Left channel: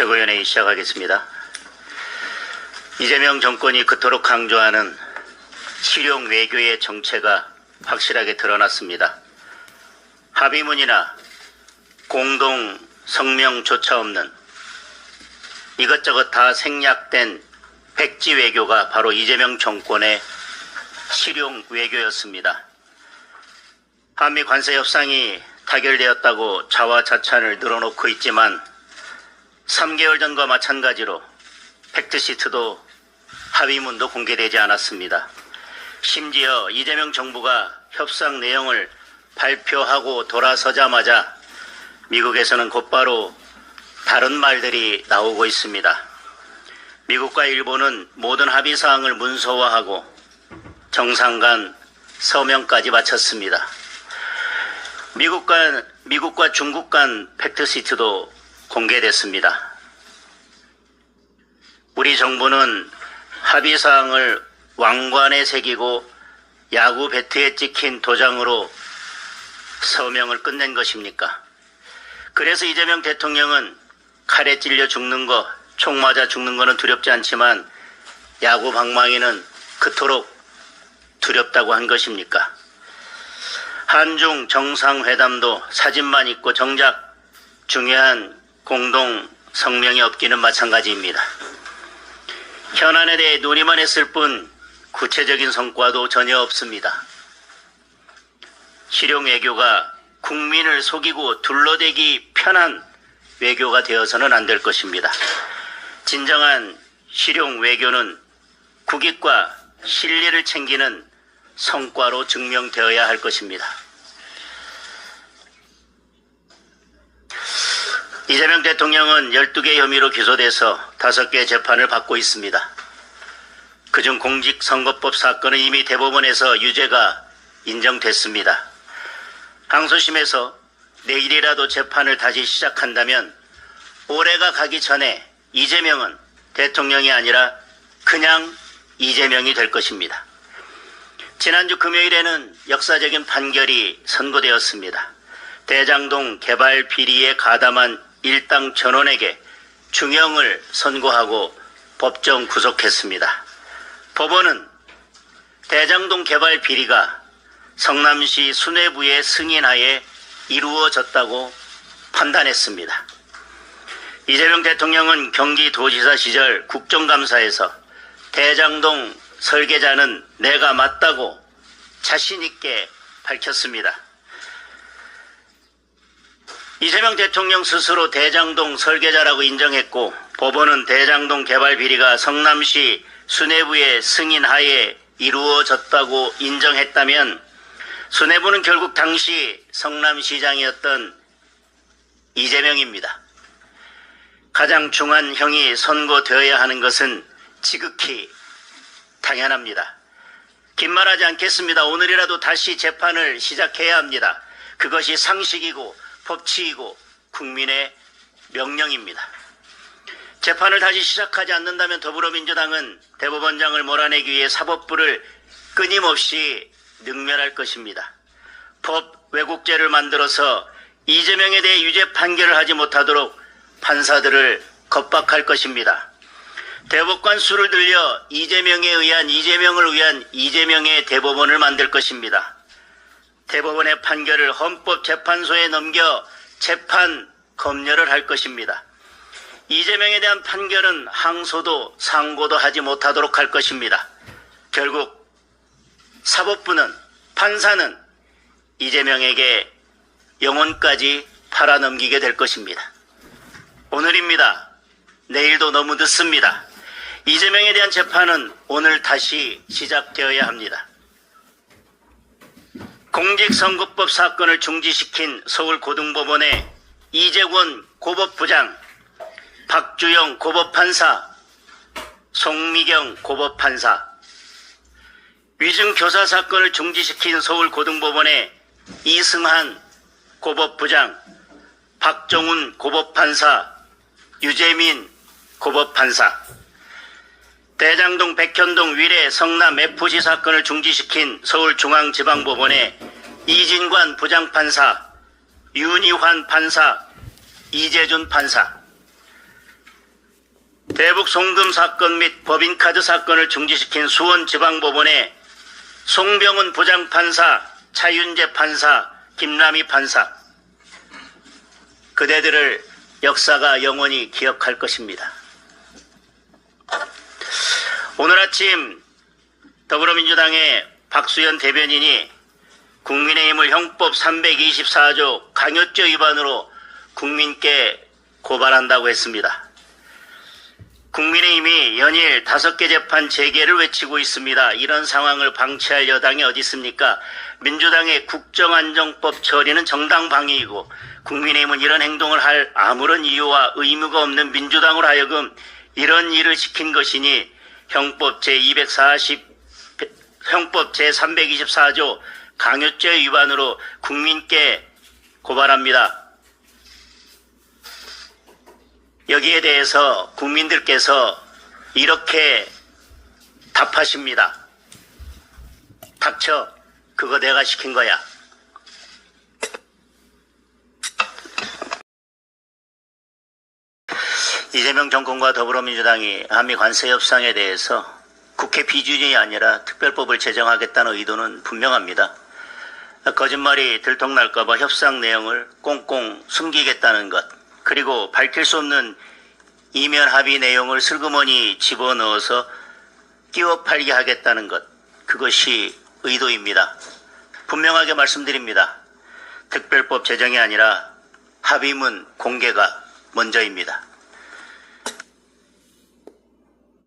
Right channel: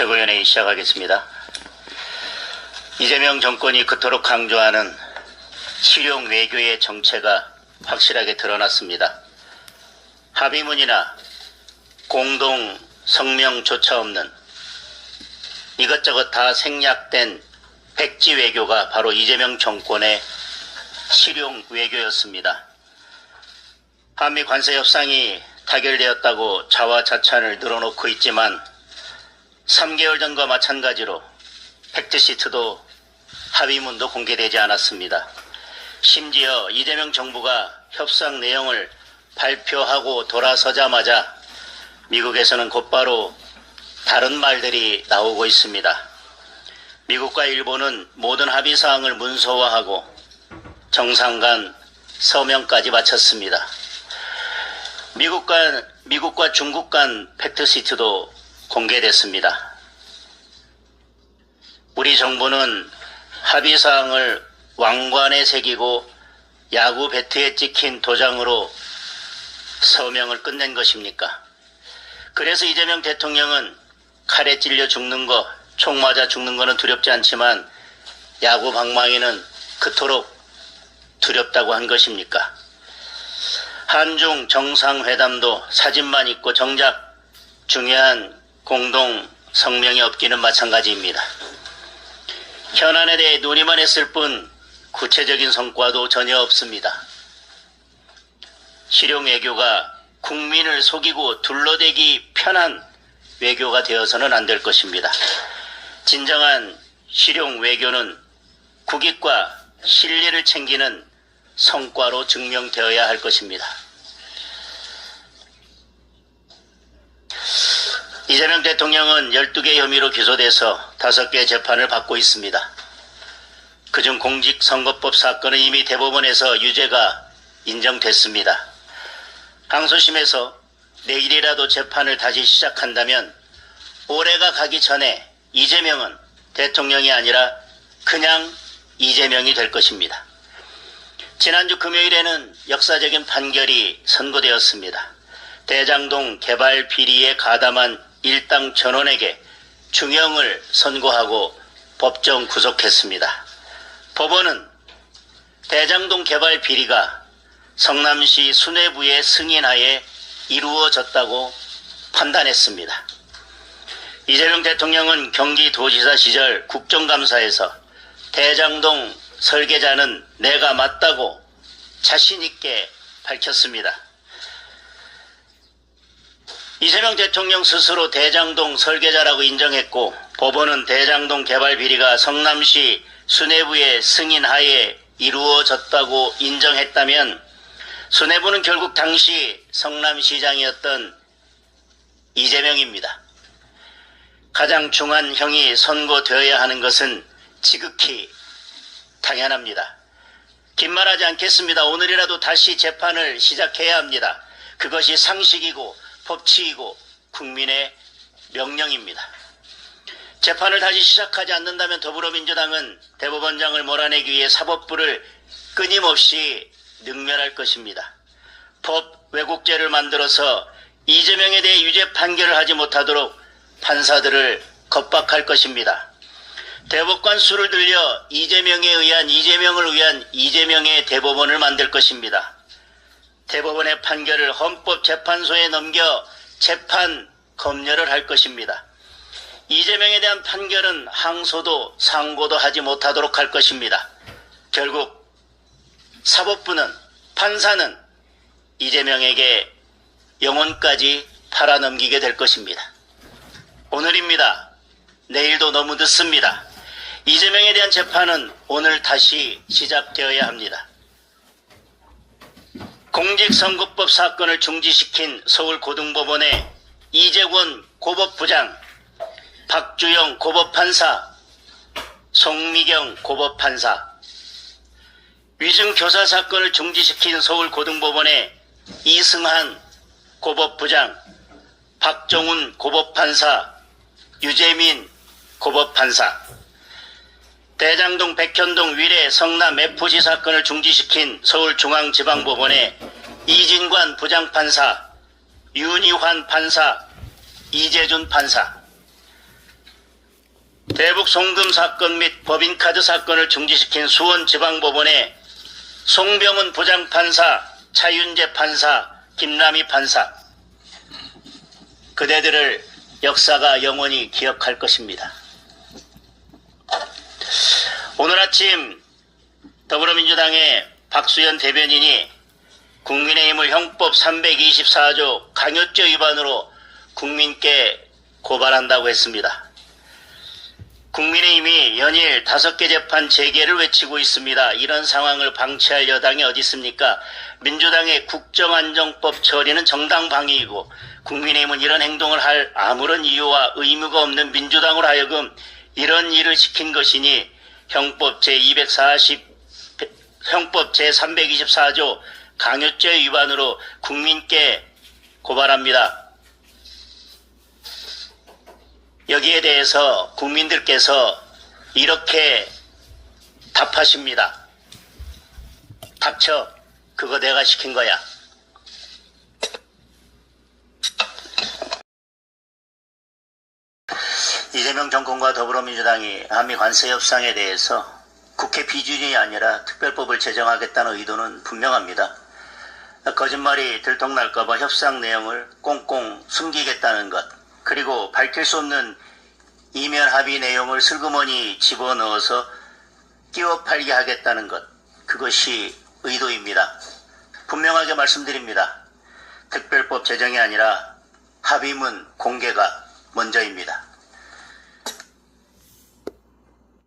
최고위원회의 시작하겠습니다. 이재명 정권이 그토록 강조하는 실용 외교의 정체가 확실하게 드러났습니다. 합의문이나 공동 성명조차 없는 이것저것 다 생략된 백지 외교가 바로 이재명 정권의 실용 외교였습니다. 한미 관세 협상이 타결되었다고 자화자찬을 늘어놓고 있지만 3개월 전과 마찬가지로 팩트시트도 합의문도 공개되지 않았습니다. 심지어 이재명 정부가 협상 내용을 발표하고 돌아서자마자 미국에서는 곧바로 다른 말들이 나오고 있습니다. 미국과 일본은 모든 합의사항을 문서화하고 정상 간 서명까지 마쳤습니다. 미국과 중국 간 팩트시트도 공개됐습니다. 우리 정부는 합의사항을 왕관에 새기고 야구 배트에 찍힌 도장으로 서명을 끝낸 것입니까? 그래서 이재명 대통령은 칼에 찔려 죽는 거, 총 맞아 죽는 거는 두렵지 않지만 야구 방망이는 그토록 두렵다고 한 것입니까? 한중 정상회담도 사진만 있고 정작 중요한 공동 성명이 없기는 마찬가지입니다. 현안에 대해 논의만 했을 뿐 구체적인 성과도 전혀 없습니다. 실용 외교가 국민을 속이고 둘러대기 편한 외교가 되어서는 안 될 것입니다. 진정한 실용 외교는 국익과 실리를 챙기는 성과로 증명되어야 할 것입니다. 이재명 대통령은 12개 혐의로 기소돼서 5개 재판을 받고 있습니다. 그중 공직선거법 사건은 이미 대법원에서 유죄가 인정됐습니다. 항소심에서 내일이라도 재판을 다시 시작한다면 올해가 가기 전에 이재명은 대통령이 아니라 그냥 이재명이 될 것입니다. 지난주 금요일에는 역사적인 판결이 선고되었습니다. 대장동 개발 비리에 가담한 일당 전원에게 중형을 선고하고 법정 구속했습니다. 법원은 대장동 개발 비리가 성남시 수뇌부의 승인하에 이루어졌다고 판단했습니다. 이재명 대통령은 경기도지사 시절 국정감사에서 대장동 설계자는 내가 맞다고 자신 있게 밝혔습니다. 이재명 대통령 스스로 대장동 설계자라고 인정했고 법원은 대장동 개발 비리가 성남시 수뇌부의 승인하에 이루어졌다고 인정했다면 수뇌부는 결국 당시 성남시장이었던 이재명입니다. 가장 중한 형이 선고되어야 하는 것은 지극히 당연합니다. 긴 말하지 않겠습니다. 오늘이라도 다시 재판을 시작해야 합니다. 그것이 상식이고 법치이고 국민의 명령입니다. 재판을 다시 시작하지 않는다면 더불어민주당은 대법원장을 몰아내기 위해 사법부를 끊임없이 능멸할 것입니다. 법 왜곡죄를 만들어서 이재명에 대해 유죄 판결을 하지 못하도록 판사들을 겁박할 것입니다. 대법관 수를 들려 이재명을 위한 이재명의 대법원을 만들 것입니다. 대법원의 판결을 헌법재판소에 넘겨 재판 검열을 할 것입니다. 이재명에 대한 판결은 항소도 상고도 하지 못하도록 할 것입니다. 결국 사법부는 판사는 이재명에게 영혼까지 팔아넘기게 될 것입니다. 오늘입니다. 내일도 너무 늦습니다. 이재명에 대한 재판은 오늘 다시 시작되어야 합니다. 공직선거법 사건을 중지시킨 서울고등법원의 이재권 고법부장, 박주영 고법판사, 송미경 고법판사, 위증교사 사건을 중지시킨 서울고등법원의 이승한 고법부장, 박정훈 고법판사, 유재민 고법판사, 대장동 백현동 위례 성남 FC 사건을 중지시킨 서울중앙지방법원의 이진관 부장판사, 윤희환 판사, 이재준 판사, 대북 송금 사건 및 법인카드 사건을 중지시킨 수원지방법원의 송병훈 부장판사, 차윤재 판사, 김남희 판사, 그대들을 역사가 영원히 기억할 것입니다. 오늘 아침 더불어민주당의 박수현 대변인이 국민의힘을 형법 324조 강요죄 위반으로 국민께 고발한다고 했습니다. 국민의힘이 연일 5개 재판 재개를 외치고 있습니다. 이런 상황을 방치할 여당이 어디 있습니까? 민주당의 국정안정법 처리는 정당 방위이고 국민의힘은 이런 행동을 할 아무런 이유와 의무가 없는 민주당으로 하여금 이런 일을 시킨 것이니 형법 제324조 강요죄 위반으로 국민께 고발합니다. 여기에 대해서 국민들께서 이렇게 답하십니다. 닥쳐. 그거 내가 시킨 거야. 이재명 정권과 더불어민주당이 한미 관세 협상에 대해서 국회 비준이 아니라 특별법을 제정하겠다는 의도는 분명합니다. 거짓말이 들통날까봐 협상 내용을 꽁꽁 숨기겠다는 것, 그리고 밝힐 수 없는 이면 합의 내용을 슬그머니 집어넣어서 끼워 팔게 하겠다는 것, 그것이 의도입니다. 분명하게 말씀드립니다. 특별법 제정이 아니라 합의문 공개가 먼저입니다.